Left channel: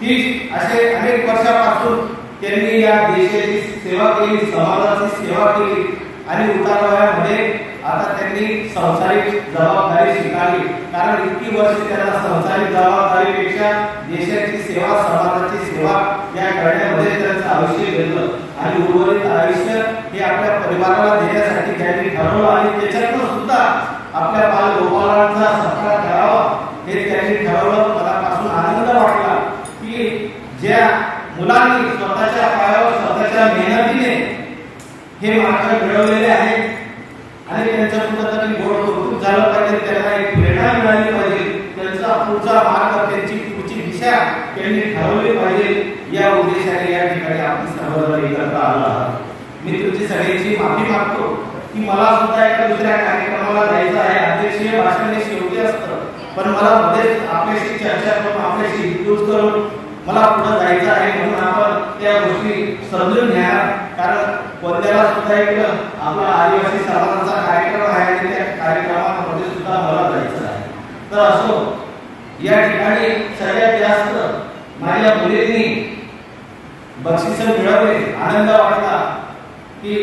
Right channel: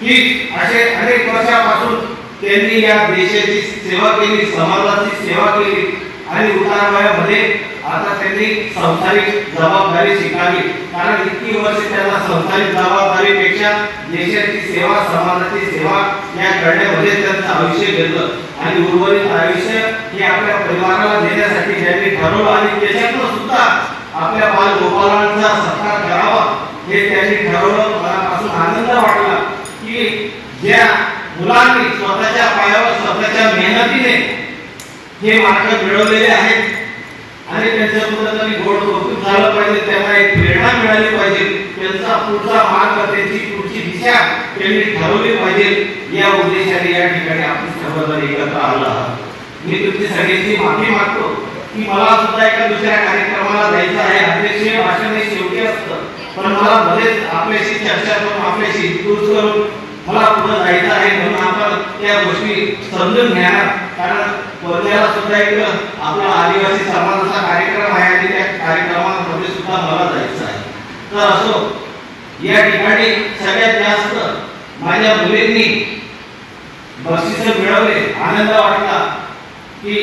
की असे अनेक वर्षापासून त्यांनी या देशाची सेवा केली, समाजाची सेवा केली आणि उतारवयामध्ये आता त्यांनी संसारिक जबाबदारी स्वीकारली। कारण इतकी वर्ष त्यांना संसारिक जबाबदारीपेक्षा देशाची सेवा, समाजाची सेवा या करण्यामध्ये त्यांचं आयुष्य गेलं आणि उर्वरित आयुष्य हे आपल्या परिवाराला देण्यासाठी त्यांनी ठरवलं आणि त्याच्यातून सुद्धा आपल्या बालगोपाळांचा सत्कार करावा हे त्यांनी ठरवलं। मनापासून आनंद वाटला की ज्या मुलांनी स्वतःच्या पायावर स्वतःच्या मेहनतीने हे मार्ग मिळवलेले आहेत आणि त्यांच्या कुठेतरी गोड कौतुक झालं पाहिजे, त्यांना एक प्रेरणा मिळाली पाहिजे, त्यांचा पुढचा मार्ग, त्यांची पुढची दिशा त्यांनी ठरवली पाहिजे। या उद्देशाने या ठिकाणी आपण सर्वजण एकत्र आलो आहोत। मी तुमची सगळ्यांची माफी मागतो की मला सुद्धा एका दुसऱ्या कार्यक्रमाला जायचं आहे। अध्यक्षीय भाषण हे शेवटी असतं, पण मला मध्येच आपल्याशी चर्चा करून आपल्याशी दूर करून मला पुढे जायचं आहे, म्हणून आपण त्या गोष्टी समजून घ्या। कारण वर्ध्याला सुद्धा एक आपला आदिवासी समाजाचा कार्यक्रम आहे आणि त्या कार्यक्रमामध्ये सुद्धा मला जायचं आहे। तर असो, या ठिकाणी सगळ्यात जास्त माझ्या मुलींनी बक्षीस मिळवले। आनंद वाटला की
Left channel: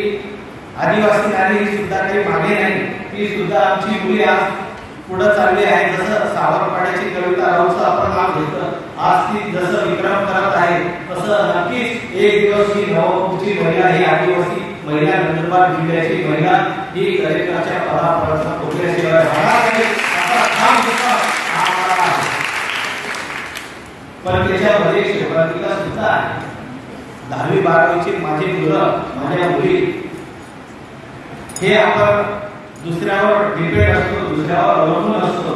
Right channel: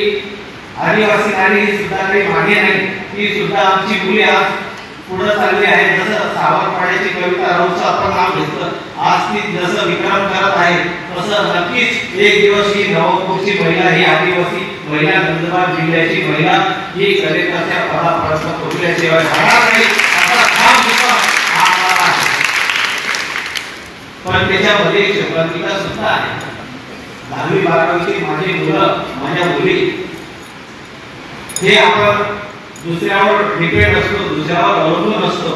आदिवासी नारी सुद्धा काही मागे नाही, ती सुद्धा आमची मुली आज पुढे चालली आहे। जसं सावरपाड्याची कविता राऊतचं आपण नाव घेतलं, आज ती जसं विक्रम करत आहे तसं नक्कीच एक दिवस ही नवपूरची महिला, ही आदिवासी महिला, नंदुरबार जिल्ह्याची महिला ही कलेकाच्या पदापर्यंत पोहोचल्याशिवाय राहणार नाही असा ठाम विश्वास आम्हाला आहे। पण त्याच्यामध्ये क्षेत्रातला सुद्धा आहे। 10वी 12वीची माझी मुलं, माझ्या मुली हे आपण दुसऱ्यावर डिपेंड असतो, दुसऱ्यावर अवलंबून असतो,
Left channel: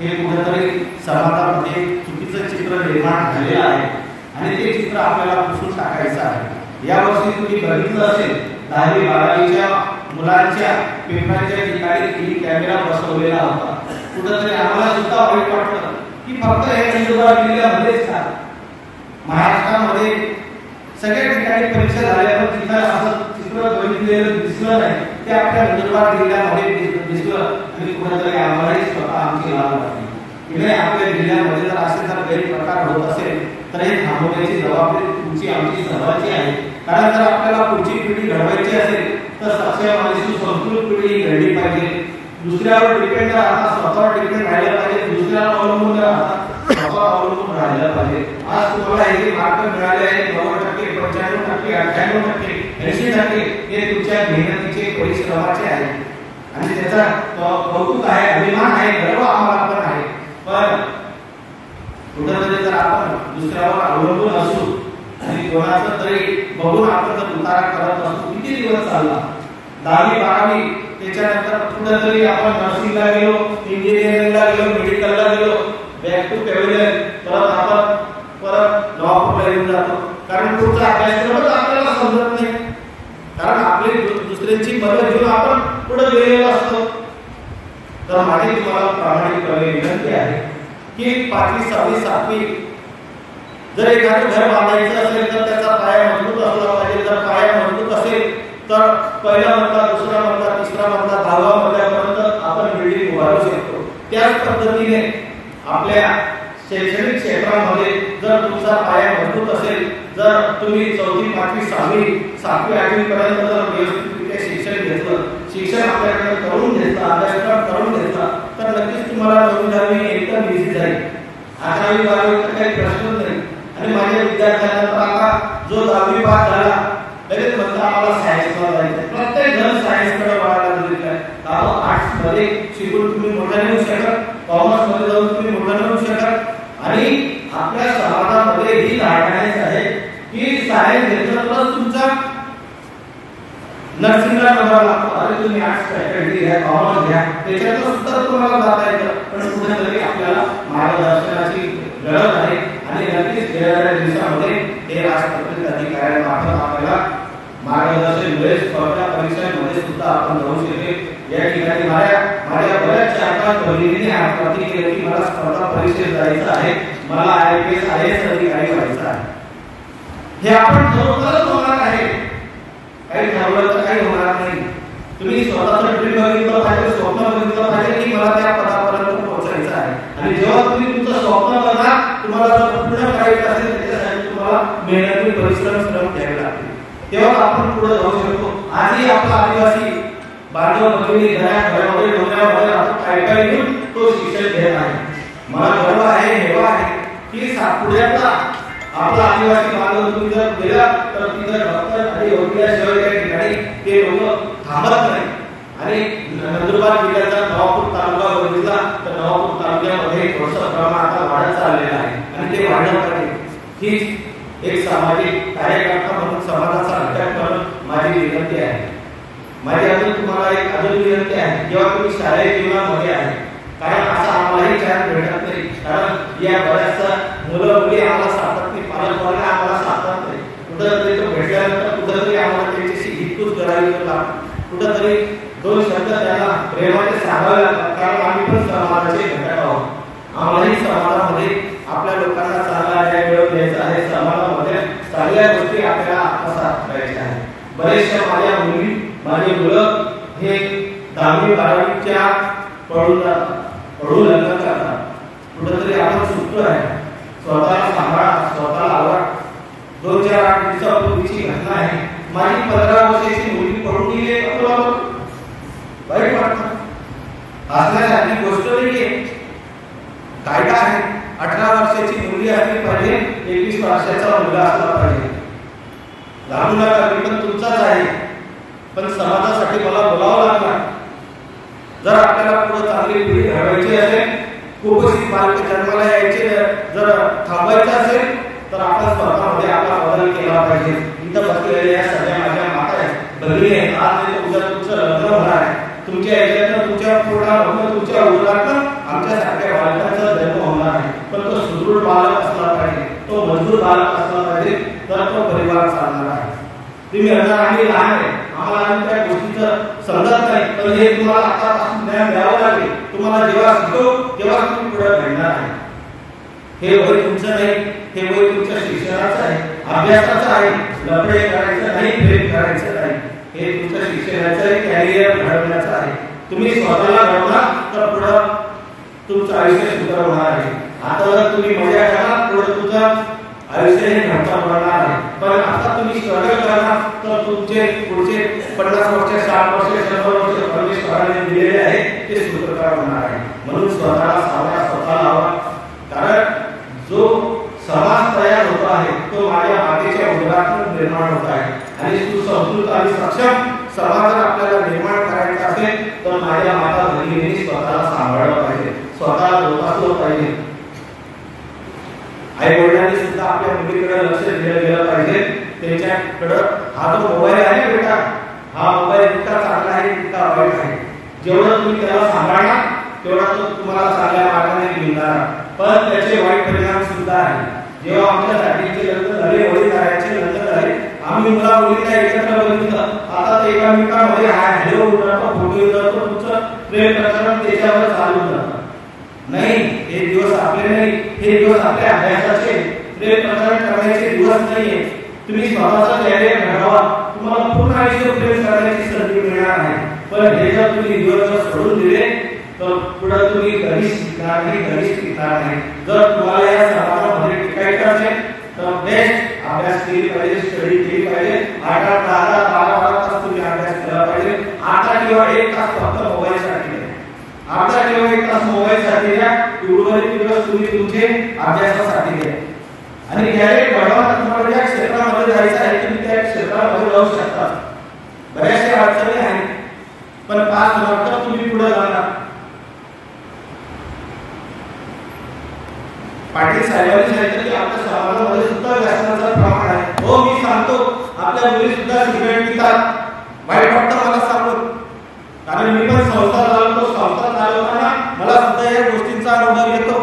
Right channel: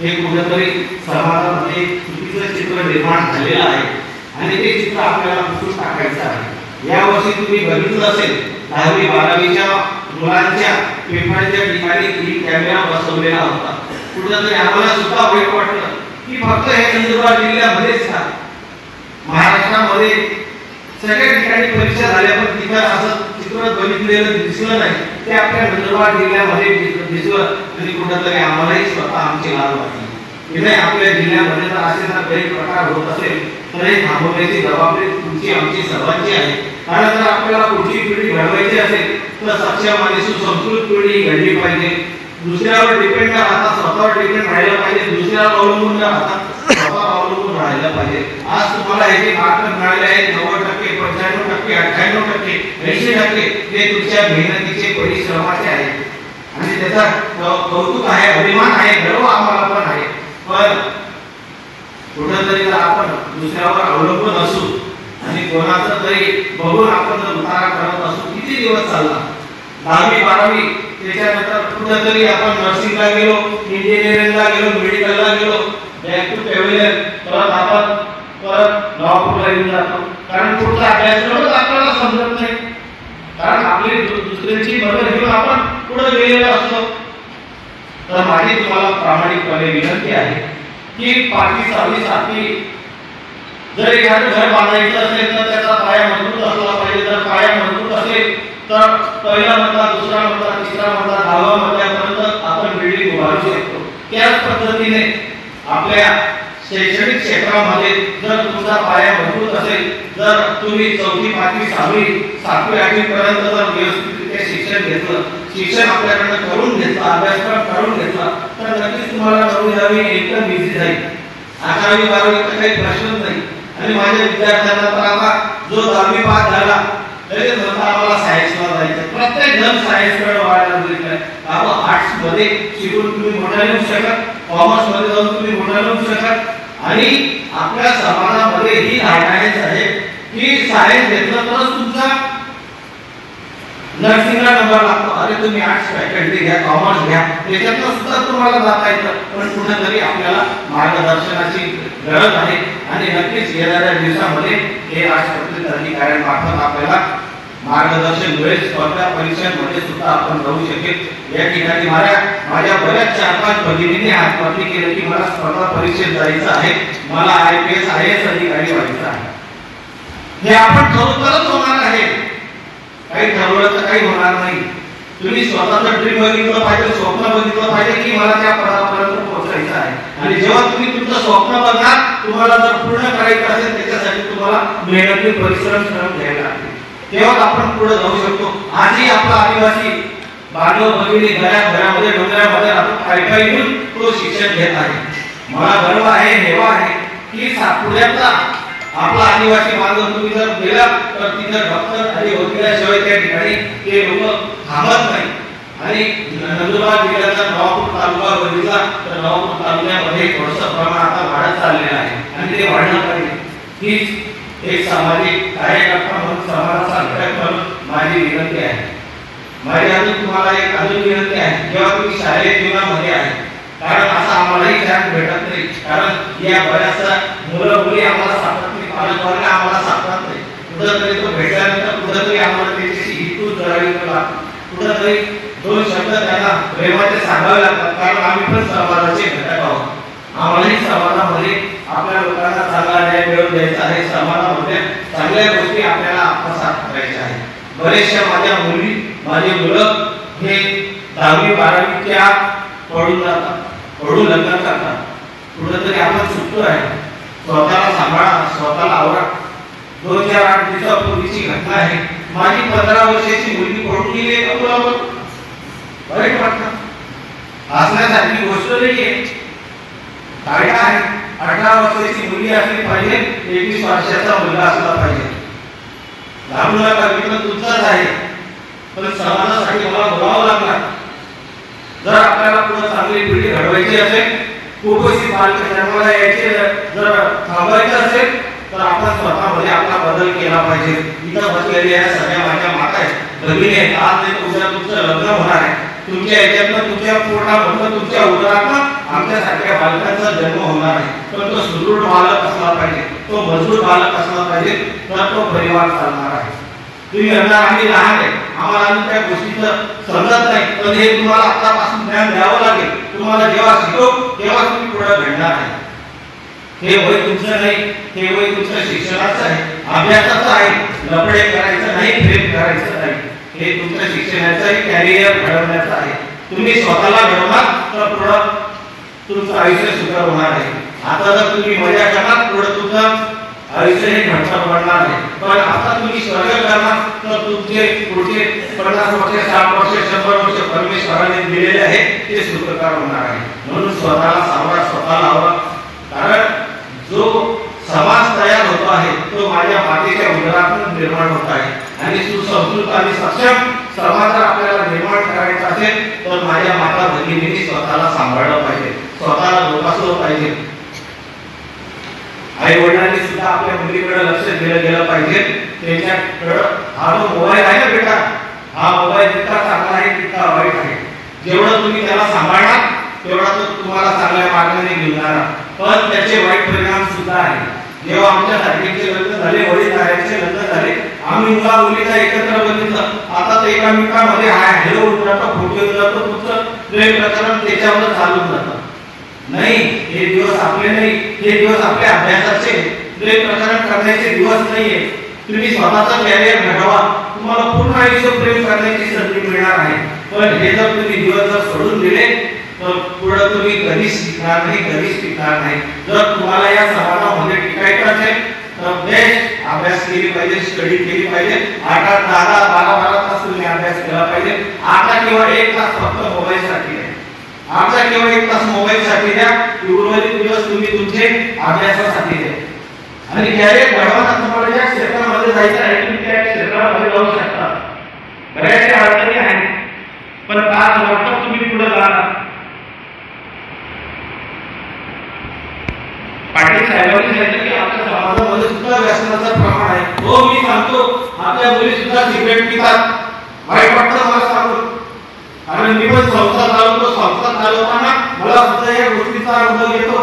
हे कुठेतरी समाजामध्ये चुकीचं चित्र निर्माण झालेलं आहे आणि ते चित्र आपल्याला पुसून टाकायचं आहे। या वर्षी तुम्ही बघितलं असेल 10वी 12वीच्या मुलांच्या पेपरच्या ठिकाणी ही कॅमेरा बसवलेला होता। कुठेतरी आम्हाला सुद्धा वाईट वाटलं की फक्त हे नंदुरबार जिल्ह्यामध्येच का, महाराष्ट्रामध्ये सगळ्या ठिकाणी परीक्षा झाल्या पण तिथं असं चित्र बघितलेलं दिसलं नाही, ते आपल्या नंदुरबार जिल्ह्यामध्ये दिसलं आणि कुठेतरी आम्हालाही स्वतः आमची लाज वाटली की नाही, आपल्या जिल्ह्यामध्ये जर असे जर गैरप्रकार होत असेल तर हे थांबवण्याची जबाबदारी तुमची, आमची सर्वांची आहे। कारण जर आपल्याला पुढची पिढी घडवायची असेल तर सक्षम आणि सुसंस्कृत पिढी घडली पाहिजे। दुसऱ्यावर डिपेंड न राहता स्वतःवर डिपेंड राहिलं पाहिजे, दुसऱ्यावर अवलंबून न राहता स्वतःवर अवलंबून राहिलं पाहिजे। आज तुम्हाला हे जे मार्क मिळाले आहेत 90%, 95%, 98%, 80% हे तुमच्या मेहनतीचे, परिश्रमाचे आहेत आणि त्याचा कौतुक आहे, अभिमान आहे, गर्व आम्हाला पण आहे। पण कुठेतरी जर आपण दुसऱ्यावर अवलंबून असू आणि कोणाचं तरी बघून आपण जर उतारा करत असू, किती दिवस चालला? 10वी 12वी त्याच्यानंतर कुठेतरी आपण नर्सिंगला गेलो, इंजिनिअरिंगला गेलो, मेडिकलला गेलो, बॅक टू पॅव्हिलियन, परत लॉ येऊन जातो। कारण पुढचा अभ्यासक्रमच आपल्याला समजत नाही, कारण आपली दुसऱ्यांची मदत घेऊन आपण पुढे गेलेलो असतो। तर माझी तुम्हाला प्रामाणिकपणे विनंती आहे की 5वी 6वी 7वी जर एखादं घर बांधायचं असेल तर त्याचा पाया मजबूत असला पाहिजे। जर पाया मजबूत असेल तर पहिला मजला, दुसरा मजला, तिसरा मजला, 10वा मजल्यापर्यंत आपण बिल्डिंग उभारू शकतो। त्याच पद्धतीने आपल्या शैक्षणिक क्षेत्रामध्ये जर तुमचा पाया मजबूत असेल, जर तुम्ही 4वी 5वी 6वी 7वी 8वी पर्यंत जर व्यवस्थितरित्या शिक्षण घेतलं, शिक्षण आपल्याकडे करून घेतलं, अभ्यासक्रम करून घेतला तर नक्कीच तुम्हाला 9वी 10वी एकदम इझी जाईल। 11वी 12वी काही प्रश्नच नाही। आणि माझ्या विद्यार्थ्यांना तर आता जो 10वी पास झाला तरी म्हणता आम्हाला सायन्सला जायचं, प्रत्येक जण सायन्सकडे वळायला लागलेला आहे। आपण आर्ट्स मध्ये शिकून तुम्ही मोठा होऊ शकत, कॉमर्स मध्ये जाऊन तुम्ही मोठा होऊ शकत आणि आपल्या समाजामध्ये ही गायडलाईन्स आहे की सायन्स घेतलं तर तुमचा नर्सिंगला नंबर लागतो। अरे तुम्ही आर्ट्स फॅकल्टी घ्या, कॉमर्स घ्या, त्याच्यातून सुद्धा तुम्हाला जाता येतं। पण कुठेतरी आपल्याला मार्गदर्शनाची गरज आहे आणि नक्कीच येणाऱ्या दिवसामध्ये हे राष्ट्रपती अधिकाऱ्यांमार्फत आपल्याला मार्गदर्शन मिळेल। स्पर्धा परीक्षांमध्ये सुद्धा आपण जाऊ शकेल। या ठिकाणी माझ्या बऱ्याच 4-5 भगिनींनी हातपत्ती केली की मला स्पर्धा परीक्षेत जायचं आहे, मला IPS IAS अधिकारी व्हायचं आहे। हे आपण ठरवूनच होणार आहे, काही ठरवलं तर काही होणार नाही। तुम्ही स्वतःचं ड्रीम बघितलं पाहिजे, स्वप्न बघितलं पाहिजे की मला त्या पदापर्यंत पोहोचायचं आहे आणि जेव्हा तुम्ही तुमचं स्वप्न बघणार तुम्हाला जर पूर्ण करायचं असेल त्याच्यासाठी तुम्हाला मेहनती परिश्रम घ्यावे लागतील, तेव्हा आपण पुढे जाऊ शकतो. आजही आपला आदिवासी बांधव भगिनी घरामध्ये मंदिरामध्ये आपण काय घेऊन तो शिक्षण घेत आहे. मला गर्व आहे, हेवा आहे की सातपुड्यातला आपला आदिवासी बांधव तुम्ही जर गेला तर तिथे भक्त आणि वकिलाशिवाय त्या ठिकाणी ते लोक थांबत नाही. आणि नंदुरबार जिल्ह्याचा नवापूर तालुका बघितला तर नवापूर तालुक्यामध्ये थोडंसं प्रमाण आता वाढत चाललेलं आहे आणि ते वाढलं पाहिजे. हीच एक सामाजिक कार्यकर्ता म्हणून समाजाचा अभ्यास म्हणून माझी विनंती आहे. माझी अजून तुम्हाला एक अजून विनंती आहे, जेव्हा तुम्ही शालेय जीवनामध्ये आहे, कारण असं आम्हालाही चान्स भेटत नाही, कारण या बऱ्याचशा मुलं मुली आम्हाला सापडत नाही, पालकवर्ग आम्हाला सापडत नाही. कुठंतरी तो भेटल्यानंतर कुठंतरी आम्हाला त्याच्याशी हितूच करावी लागते, कुठंतरी दोन शब्द त्यांना प्रेमाचे सांगावे लागतात, कारण आम्ही पण समाजाचे घटक आहोत. आम्हालाही समाजामध्ये आपल्या लोकांना चांगला न्याय मिळवून द्यायचा आहे, समाजामध्ये चांगल्या गोष्टी आपल्याला आत्मसात करायच्या आहे. बरेचशा माझ्या मुली माझे मुलं हे 10वी 12वीच्या पडून जातात, पडून लग्न करतात. कुठंतरी आपण सुटतो आहे, स्वतःला सांभाळा, स्वतःला आवरा. 2-4 दिवसापूर्वीची घटना आहे, माझी 15 वर्षाची मुलगी पडून गेली. वाईट वाटतं, हसण्यासारखी गोष्ट नाहीये. कायदा आहे, 18 वर्षाची मुलगी असली पाहिजे, 21 वर्षाचा मुलगा असला पाहिजे. लहान मुलाचा विक्रम तुमचाच आहे, पण समाजासाठी मला बोलावं लागणार. जर आपल्याला पुढे चांगली पिढी घडवायची असेल, कुपोषित बालक जन्माला यायचे जर थांबवायचं असेल तर आपण स्वतःमध्ये आपला बदल केला पाहिजे. इथं बसलेल्या या सगळ्या माझ्या माता आहेत, भगिनी आहेत, आज नाही उद्या तुमचं लग्न होणार आहे. तुमच्या याच्यातनं तुमच्या पूर्ण तुमच्या उदरातनं आमच्यासारख्या बालकांचा जन्म होणार आहे. पण तो सुदृढ बालक असला पाहिजे, तो मजबूत बालक असला पाहिजे, तर तो परिवार चालणार आहे. तुम्ही म्हणणार आम्ही लहान आहे, आम्हाला त्या गोष्टीचं समजत नाही, पण हे तुम्हाला आतापासून ज्ञान द्यावं लागेल. तुम्हाला जेव्हा शिकतो तेव्हा तुम्ही पुढे घडणार आहे. हे वय तुमचं नाही, हे वय तुमचं शिक्षणाचं आहे, अभ्यासाचं आहे. लफडे करायचं नाही, प्रेम करायचं नाही. हे तुमचं शिक्षणाचं आहे, कॅरियर घडवण्याचं आहे. तुम्ही स्वतःला घडवणार तर पुढं तुमचं आयुष्य सुकर होणार आहे. आता जर तुम्ही मजा करणार पुढे तुमचं आयुष्य हे घडवणार बनणार आहे. पण आता तुम्ही स्ट्रगल करणार तर तुमचे पुढचे 50 वर्ष 60 वर्ष 100 वर्ष परमेश्वराने दिलेले आहे ते सुखकर होणार आहे. म्हणून स्वतःला सावरा, स्वतःला हवा. कारण जो समाज तयार होतो आहे तो माझ्या मातेच्या उदरातून निर्माण होत आहे. आणि सुसंस्कृत आणि सक्षम समाज आपल्याला निर्माण करायचा असेल तर माझ्या माता भगिनींनी स्वतःला सांभाळलं पाहिजे, स्वतःला जोपासलं पाहिजे. आई वडिलांनी सुद्धा आपल्या मुलीकडे लक्ष दिलं गेलं पाहिजे. त्याच्याकडे हा जो मोबाईल आहे ना बेटा, हा मोबाईल जितका चांगला आहे तितका वाईट आहे. जेवढं तुम्ही त्याला सांभाळणार तेवढा तो तुम्हाला चांगल्या मार्गाने घेणार, पण त्याचे वाईट परिणाम सुद्धा आहेत. जेव्हा आमच्या साठीचे लग्न झाले, वडीलधाऱ्यांचे लग्न झाले, आम्ही मुला मुलीला एकत्र बघितलं. आता ते एकामेकांमध्ये हॅलो उतरतो, फोटो उतरतो, तुमचं प्रेम प्रकरण त्याच्यावर चालून जातं. नाही, हे दिवस आपले नाही, हे दिवस आपल्या अभ्यासाचे, प्रेम प्रकरण करण्याचे दिवस नाहीये. तुम्ही स्वतःचा कॅरियर घडवा, तुम्हाला पूर्ण आयुष्य प्रेम करण्याची संधी मिळणार आहे. पण हे जर तुम्ही दिवस जर सोडून दिले तर पुढे तुम्ही कधीच शिकणार नाही, कधीच टिकणार नाही. जर तुम्हाला या समाजामध्ये टिकायचं असेल तर बेस्ट अभ्यास केली पाहिजे, स्टडी केली पाहिजे. 8-8, 10-10, 12-12 तास तुम्ही अभ्यास केला पाहिजे. आता केवळ 1 तास फक्त मोबाईलसाठी आहे, आता केवळ 1 तास मोबाईलसाठी द्या, उर्वरित दिवस तुम्ही तुमचे अभ्यासासाठी द्या. आणि कॅरियर घडवताना तुम्हाला या क्षेत्रामध्ये जायचं आहे, तुम्ही त्या क्षेत्रामध्ये जाऊ शकता. बऱ्याचशा अडचणी आहेत, पण 5 लवकर तुम्ही पुढे जाणार. पाटील साहेबांनी सांगितलं की आपल्या समाजामध्ये सुद्धा व्यसनाचं प्रमाण आहे. हो, मी सांगतो, आपल्या मुली सुद्धा सिगरेट पितात. वाईट वाटतं मला सांगतो, कारण मी पण संस्था चालवतो. संस्था चालवताना मला सुद्धा या गोष्टींचा अनुभव येतो.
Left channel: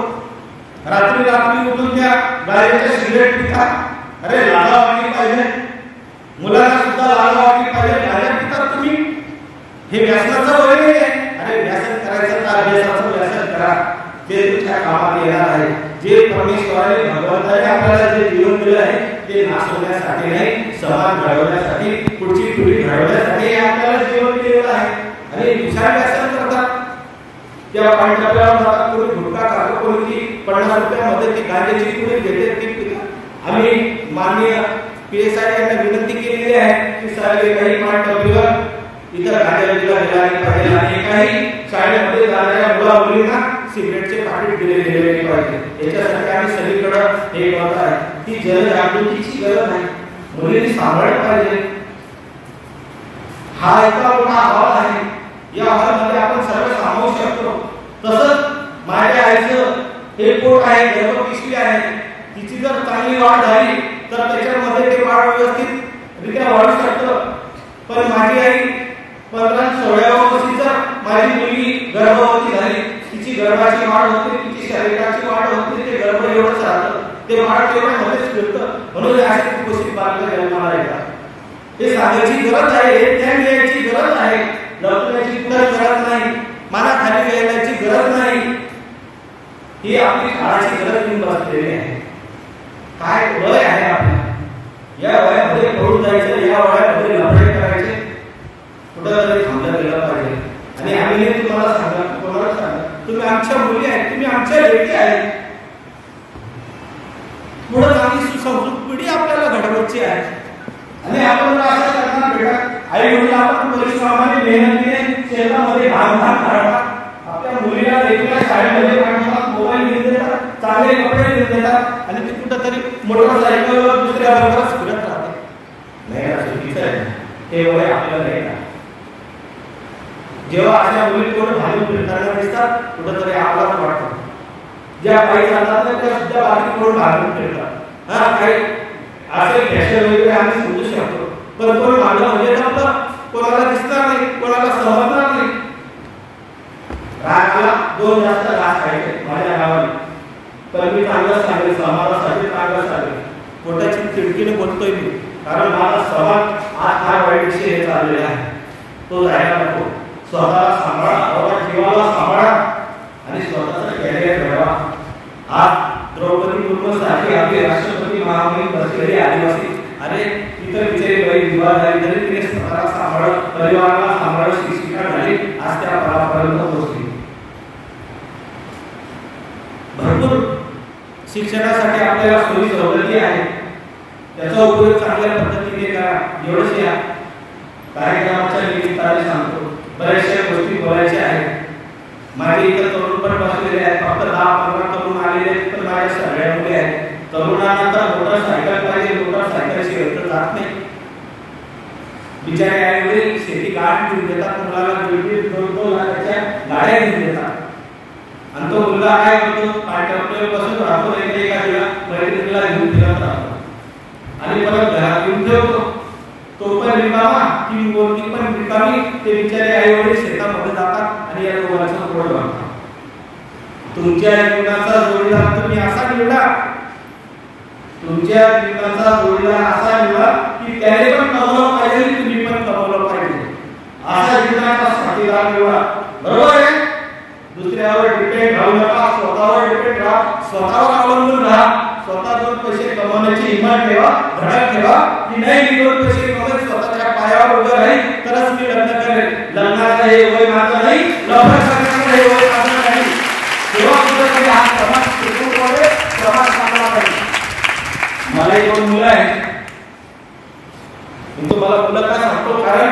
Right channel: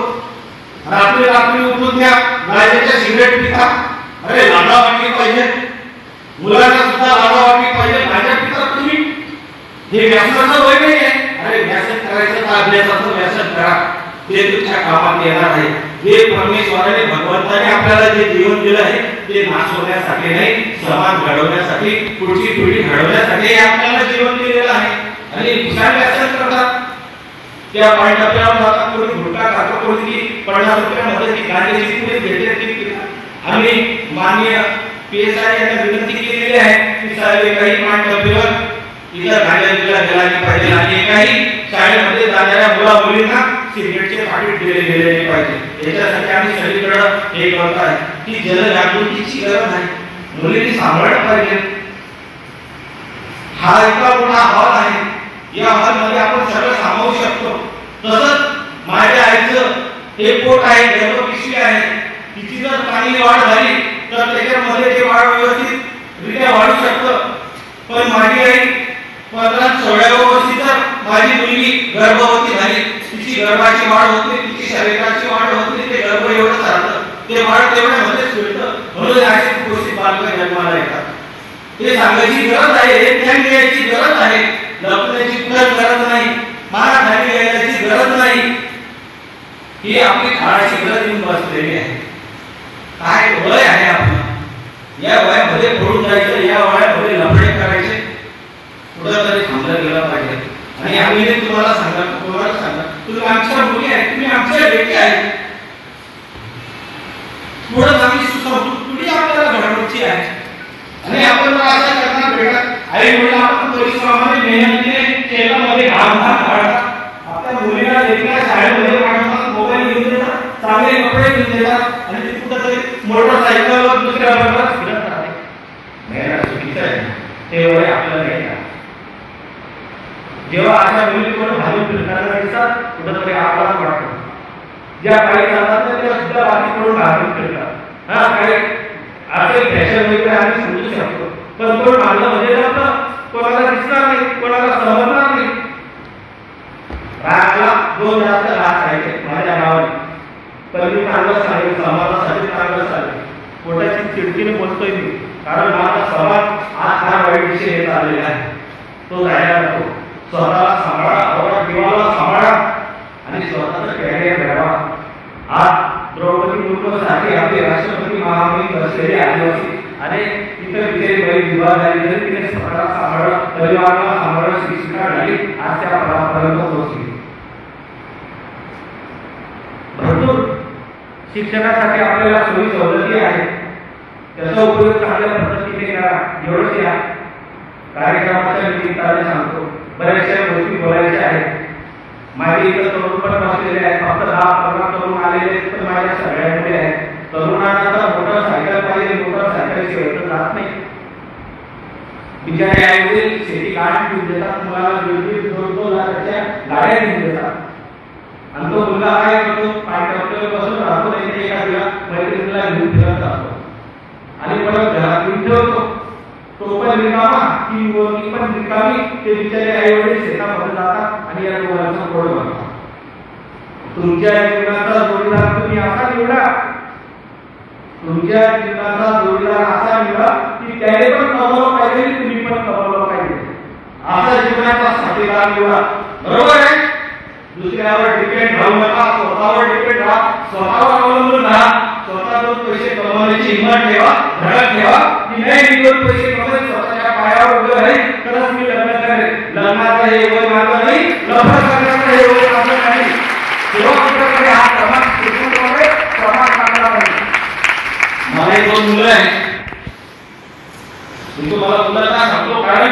रात्री उठून त्या गायच्या सिगरेट पितात. अरे लाजा वाटली पाहिजे, मुलांना सुद्धा लाजा वाटली पाहिजे. माझ्या पितात तुम्ही, हे व्यसनाचं वय नाही आहे. अरे व्यसन करायचं तर अभ्यासाचं व्यसन करा, ते तुमच्या कामात येणार आहे. जे परमेश्वराने भगवंताने आपल्याला जे जीवन दिलं आहे ते नाश होण्यासाठी नाही, समाज घडवण्यासाठी, पुढची पिढी घडवण्यासाठी आपल्याला जीवन दिलेलं आहे. आणि विशाल व्यसन करतात, त्या पाणी टप्प्यावर जातात, कोणी गुटखा खातो, कोणी 50 रुपयामध्ये ती गांजाची पुडी घेते ती आम्ही माननीय PSI यांना विनंती केलेली आहे की साहेब काही मांडवलीवर इतर गांजाला दिला पाहिजे आणि काही शाळेमध्ये जाणाऱ्या मुला मुलींना सिगरेटचे पाकिट दिले गेले पाहिजे। याच्यासाठी आम्ही सगळीकडे हे करत आहे की जनजागृतीची गरज आहे, मुलींनी सांभाळलं पाहिजे। हा इतका मोठा हॉल आहे, या हॉलमध्ये आपण सर्व सामावू शकतो। तसंच माझ्या आईचं हे पोट आहे, गर्भपिशवी आहे, तिची जर चांगली वाढ झाली तर त्याच्यामध्ये ते वाढ व्यवस्थितरित्या वाढू शकतं। पण माझी आई 15-16व्या वर्षी जर माझी मुलगी गर्भवती झाली, तिची गर्भाची वाढ होते, तिची शरीराची वाढ होते, ते गर्भ एवढं चालतं, ते वाढ तेवढ्यामध्येच फिरतं, म्हणून अशा गोष्टी बालक जन्माला येतात। हे सांगायची गरज आहे, हे ज्ञान द्यायची गरज आहे, लपण्याची कुठं गरज नाही, मला खाली घ्यायची गरज नाही, ही आपली काळाची गरज येऊन बसलेली आहे। काय वय आहे आपलं, या वयामध्ये पडून जायचं, या वयामध्ये लफडे करायचे, कुठंतरी थांबलं गेलं पाहिजे। आणि आम्ही तुम्हाला सांगा तुम्ही आमच्या मुली आहेत, तुम्ही आमच्या बेटी आहेत, पुढे आम्ही सुसंस्कृत पिढी आपल्याला घडवायची आहे आणि आपण अशा करणार बेटा आई वडील आपण परिश्रमाने मेहनतीने शेतामध्ये घाम काढतात, आपल्या मुलीला देखील शाळेमध्ये पाठवतात, मोबाईल घेऊन देतात, चांगले कपडे घेऊन देतात आणि ती कुठेतरी मोटरसायकलवर दुसऱ्या बरोबर फिरत राहते। नाही चुकीचं आहे, ते वय आपलं नाही का। जेव्हा अशा मुली थोडं घालून फिरताना दिसतात कुठेतरी आपलाच वाटतं, ज्या काही जातात त्या सुद्धा बाकीकडून घालून फिरतात। हा काही असेल फॅशन वगैरे आम्ही समजू शकतो, पण कोण मागलं म्हणजे नव्हतं, कोणाला दिसणार नाही, कोणाला समजणार नाही। रागाला 2 जास्त राग आहे माझ्या गावाने, पण मी चांगलं सांगेल, समाजासाठी चांगलं सांगेल, पोटाची खिडकीने बोलतोय मी, कारण माझा समाज आज हा वाईट विषय हे चाललेला आहे, तो जायला नको। स्वतःला सांभाळा, आपल्या जीवाला सांभाळा आणि स्वतःचं कॅरियर घडवा। आज द्रौपदी मुर्मू सारखी आपली राष्ट्रपती महामहिम बसलेली आदिवासी, अरे इतर विचारी बाई विवाह झाली तरी तिने स्वतःला सांभाळलं, परिवाराला सांभाळलं, शिक्षिका झाली, आज त्या पदापर्यंत पोहोचली। भरपूर शिक्षणासाठी आपल्याला सोयी सवलती आहेत, त्याचा उपयोग चांगल्या पद्धतीने करा। एवढंच या कार्यक्रमाच्या निमित्ताने सांगतो, बऱ्याचशा गोष्टी बोलायच्या आहेत। माझे इतर तरुण पण बसलेले आहेत, फक्त 10-15 तरुण आलेले आहेत, पण माझ्या सगळ्यांमध्ये आहेत। तरुणांना तर मोटरसायकल पाहिजे, मोटरसायकलशिवाय तर जात नाही। बिचारे आईवडील शेती गाडी घेऊन देतात, मुलाला 1.5-2 लाखाच्या गाड्या घेऊन देतात, आणि तो मुलगा काय करतो, ट्रॅक्टरवर बसून राहतो, नाही एखाद्या मैत्रिणीला घेऊन दिला राहतो आणि परत घरात घेऊन ठेवतो, तो पण रिकामा, ती मुलगी पण रिकामी, ते बिचारे आईवडील शेतामध्ये जातात आणि या दोघांचा गोड बनतात। तुमच्या जीवनाचा जोडीदार तुम्ही असा निवडा, तुमच्या जीवनाचा जोडीदार असा निवडा की त्याने पण कमवलं पाहिजे, तुम्ही पण कमवलं पाहिजे, असा जीवनाचा साथीदार निवडा। बरोबर आहे, दुसऱ्यावर डिपेंड राहू नका, स्वतःवर डिपेंड राहा, स्वतःवर अवलंबून राहा, स्वतःवर पैसे कमवण्याची हिंमत ठेवा, धडक ठेवा की नाही मी 2 पैसे कमवेन, स्वतःच्या पायावर उभं राहील तरच मी लग्न करेन। लग्नाचं हे वय माझं नाही, लग्न करण्याचं हे वय माझं नाही, तेव्हा कुठेतरी हा समाज टिकून राहतो, समाज चांगला पाहिजे। मला 2 मुलं आहेत, मी तुम्हाला मुलं का सांगतो, कारण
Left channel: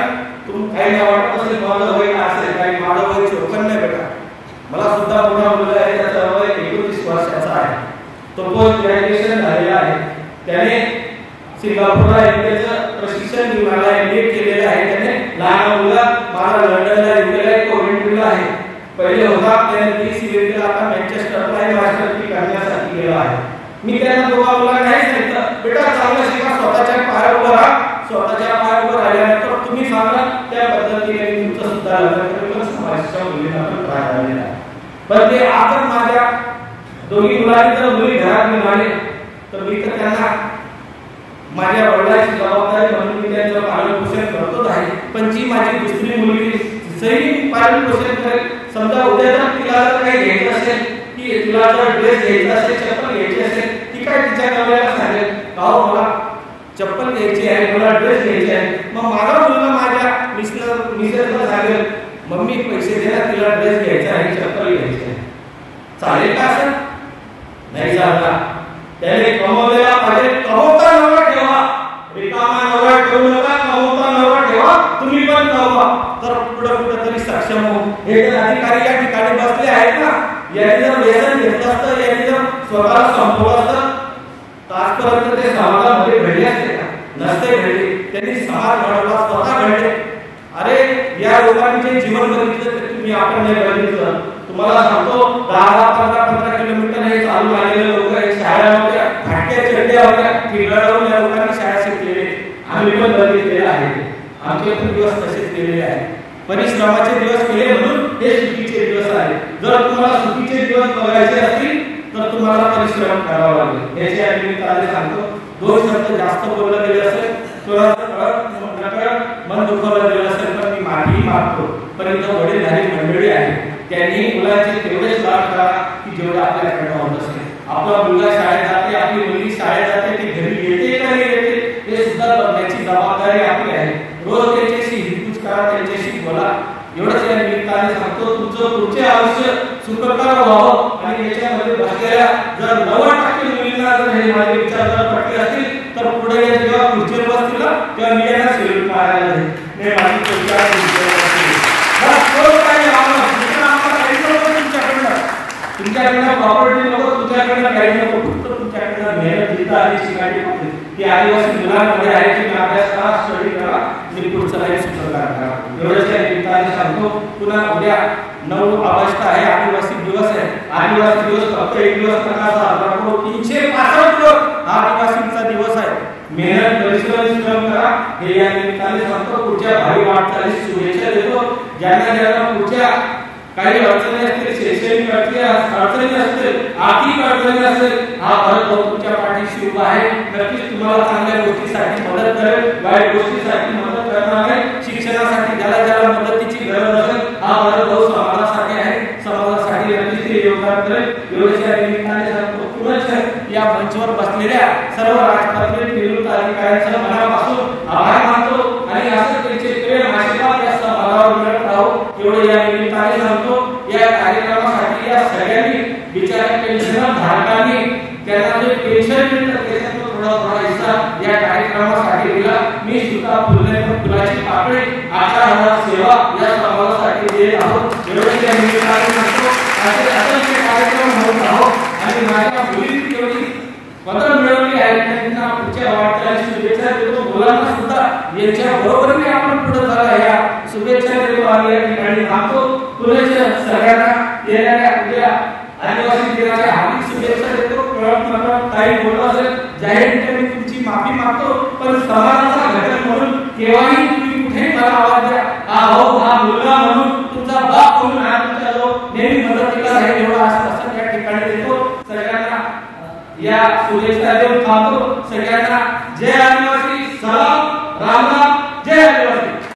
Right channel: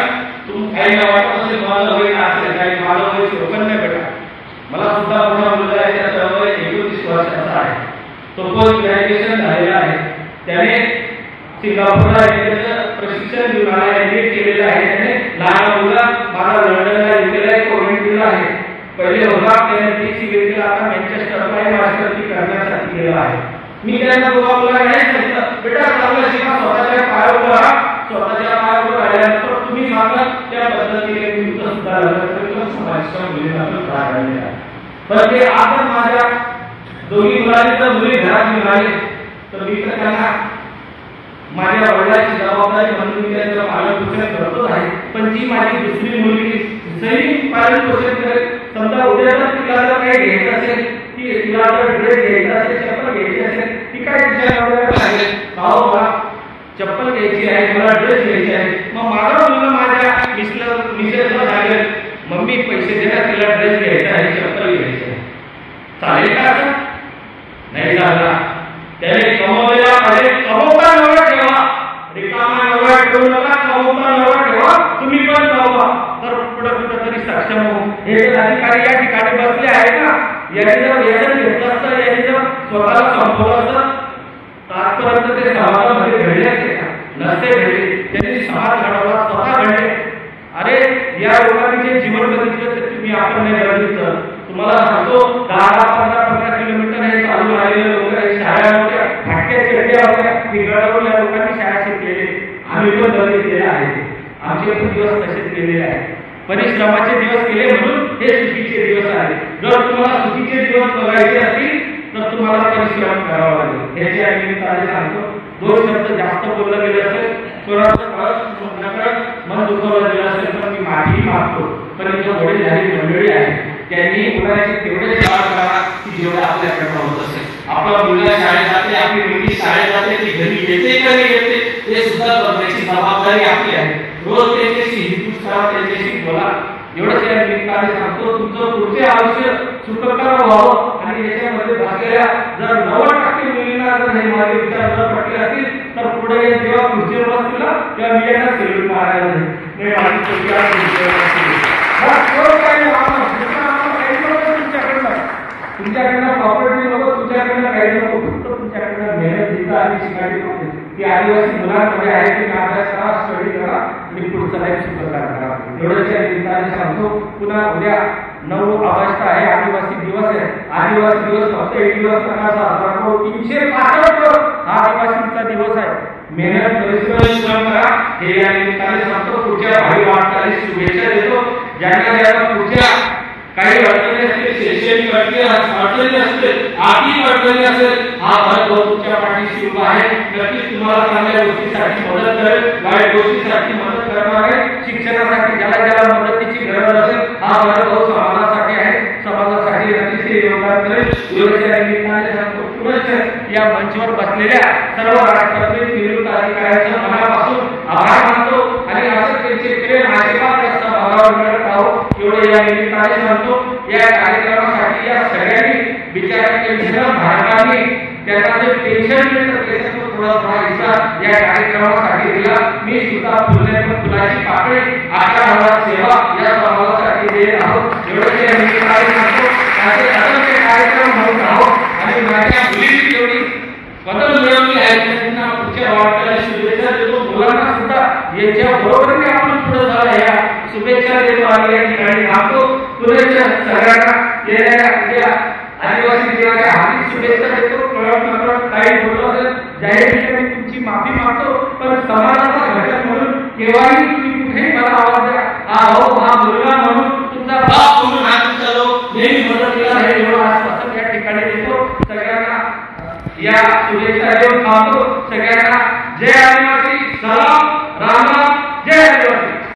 तुम्ही काही वाटत असेल माझं वय असेल, काही माझं वय छोटं नाही बेटा, मला सुद्धा मोठा मुलगा आहे, त्याचा वय 29 वर्षाचा आहे, तो पोस्ट ग्रॅज्युएशन झालेला आहे, त्याने सिंगापूरला इंडियाचं प्रशिक्षण घेऊन आला, MBA केलेलं आहे त्याने। लहान मुलगा माझा लंडनला गेलेला आहे, कोविडला आहे, पहिले होता त्याने सीएटीला, आता मँचेस्टरला मास्टरची करण्यासाठी गेला आहे। मी त्याला दोघा मुलांना नाही सांगितलं, बेटा चांगलं शिका, स्वतःच्या पायावर उभं राहा, स्वतःच्या पायावर उभं राहिल्यानंतर तुम्ही सांगा त्या पद्धतीने तुमचं सुद्धा लग्न करेल, समाजाच्या मुलींना पण त्रास झालेला आहे। पण ते आज माझ्या दोन्ही मुलांनी जर मुली घरात घेऊन आले तर मी तर त्यांना माझ्या वडिलांची जबाबदारी म्हणून मी त्यांचं पालनपोषण करतोच आहे, पण जी माझी दुसरी मुलगी सैनिक पालनपोषण करेल। समजा उद्या जर तिला जर काही घ्यायचं असेल, की तिला जर ड्रेस घ्यायचा असेल, चप्पल घ्यायची असेल, ती काय तिच्या नवऱ्याला सांगेल, अहो मला चप्पल घ्यायची आहे, मला ड्रेस घ्यायचे आहे, मग माझा मुलगा माझ्या मिसेसला सांगेल, मम्मी पैसे दे ना, तिला ड्रेस घ्यायचा आहे, चप्पल घ्यायची आहे, चालेल का असं? नाही झाला. त्याने कमवलेला पाहिजे, कमवता नवरा ठेवा, रिकामा नवरा ठेवू नका, कमवता नवरा ठेवा, तुम्ही पण कमवा, तर पुढे कुठेतरी सक्षम हो. हे अधिकारी या ठिकाणी बसले आहेत ना, यांनी जर व्यसन घेतलं असतं, यांनी जर स्वतःला संपवलं असतं, आजपर्यंत ते समाजामध्ये घडले असते का? नसते घडले. त्यांनी समाज घडवला, स्वतः घडले. अरे या लोकांनी जे जीवन बघितलं ते तुम्ही आपण नाही बघितलं. तुम्हाला सांगतो 10-15 किलोमीटर हे चालू आलेले लोक शाळा होत्या, फाटक्या चढल्या होत्या, ठिकाणावरून या लोकांनी शाळा शिकलेले, आम्ही पण बघितलेले आहे. आमचे पण दिवस तसेच केलेले आहेत. परिश्रमाचे दिवस केले म्हणून हे सुखीचे दिवस आहे. जर तुम्हाला सुखीचे दिवस बघायचे असतील तर तुम्हाला परिश्रम करावा लागेल. याची आम्ही निमित्ताने सांगतो. 2 शब्द जास्त बोललं गेले असेल, थोडासा मन दुखवलं गेलं असेल, पण मी माफी मागतो. पण इथं वडीलधारी मंडळी आहे, त्यांनी मुलांचे तेवढे लाभ करा की जेवढं आपल्याकडे होत असेल. आपला मुलगा शाळेत जाते, आपली मुलगी शाळेत जाते, ती घरी येते का नाही येते हे सुद्धा बघण्याची जबाबदारी आपली आहे. रोज त्यांच्याशी हितगुज करा, त्यांच्याशी बोला. एवढंच या निमित्ताने सांगतो. तुमचं पुढचे आयुष्य सुखकर व्हावं आणि याच्यामध्ये बसलेल्या जर 90% मुलींना जर हे माझे विचार जर पटले असतील तर पुढे जेव्हा खुर्चीवर बसतील तेव्हा मी यांना सेल्यूट मारायला नाही. माझी विचार तुमच्याकडनं प्रॉपर्टी नको, तुमच्याकडनं काही नको, फक्त तुमच्याकडनं मेहनत घेता आणि शिकायची होती. ती आदिवासी मुलांमध्ये आहे की अभ्यास करा, स्टडी करा आणि पुढचं लाईफ सुंदर करा. एवढंच या निमित्ताने सांगतो. पुन्हा उद्या 9 ऑगस्ट आहे, आदिवासी दिवस आहे. आदिवासी दिवस फक्त एक दिवस नका, 365 हा आदिवासींचा दिवस आहे. मेहनत परिश्रम करा हे या निमित्ताने सांगतो. पुढच्या भावी वाटचालीस शुभेच्छा देतो. ज्यांना पुढच्या काही अडचणी असतील, शैक्षणिक अडचणी असतील, आर्थिक अडचणी असेल, हा भारत तुमच्या पाठीशी उभा आहे. नक्कीच तुम्हाला चांगल्या गोष्टीसाठी मदत करेल, वाईट गोष्टीसाठी मदत करणार आहे. शिक्षणासाठी ज्याला मदतीची गरज असेल हा भारत समाजासाठी आहे, समाजासाठी नक्कीच ते योगदान करेल. एवढ्या निमित्ताने सांगतो. पुनश्च या मंचावर बसलेल्या सर्व राष्ट्रातील निवृत्त अधिकाऱ्यांचं मनापासून आभार मानतो आणि असं त्यांचे प्रेम आशीर्वाद या समाजावर मिळत राहो एवढे या निमित्ताने सांगतो. या कार्यक्रमासाठी या सगळ्यांनी बिचारा टेन्शन धारकांनी त्यांना जे टेन्शन मिळतं त्याच्यातून थोडा हिस्सा या कार्यक्रमासाठी दिला. मी सुद्धा फुलाची पाकळी 11,000 सेवा या समाजासाठी देत आहोत. एवढे या निमित्ताने सांगतो. असे असंख्य कार्यक्रम होत आहोत आणि माझ्या मुलींनी जेवढी पदक मिळवली आहे त्यांना पुढच्या वाटचालीस शुभेच्छा देतो. मुलांना सुद्धा यांच्या बरोबरीने आपण पुढे झाला या शुभेच्छा देतो आणि या ठिकाणी थांबतो. पुढे सगळ्यांना येणाऱ्या उद्या आदिवासी दिनाच्या हार्दिक शुभेच्छा देतो. काही बोलत असेल जाहीर ठिकाणी तुमची माफी मागतो. पण समाजाचा घटक म्हणून केव्हाही तुम्ही कुठेही मला आवाज द्या. हा मुलगा म्हणून तुमचा बाप म्हणून हात उचलतो, नेहमी मदतीला राहील एवढं आश्वासन या ठिकाणी देतो. सगळ्यांना या शुभेच्छा देऊन थांबतो. सगळ्यांना जय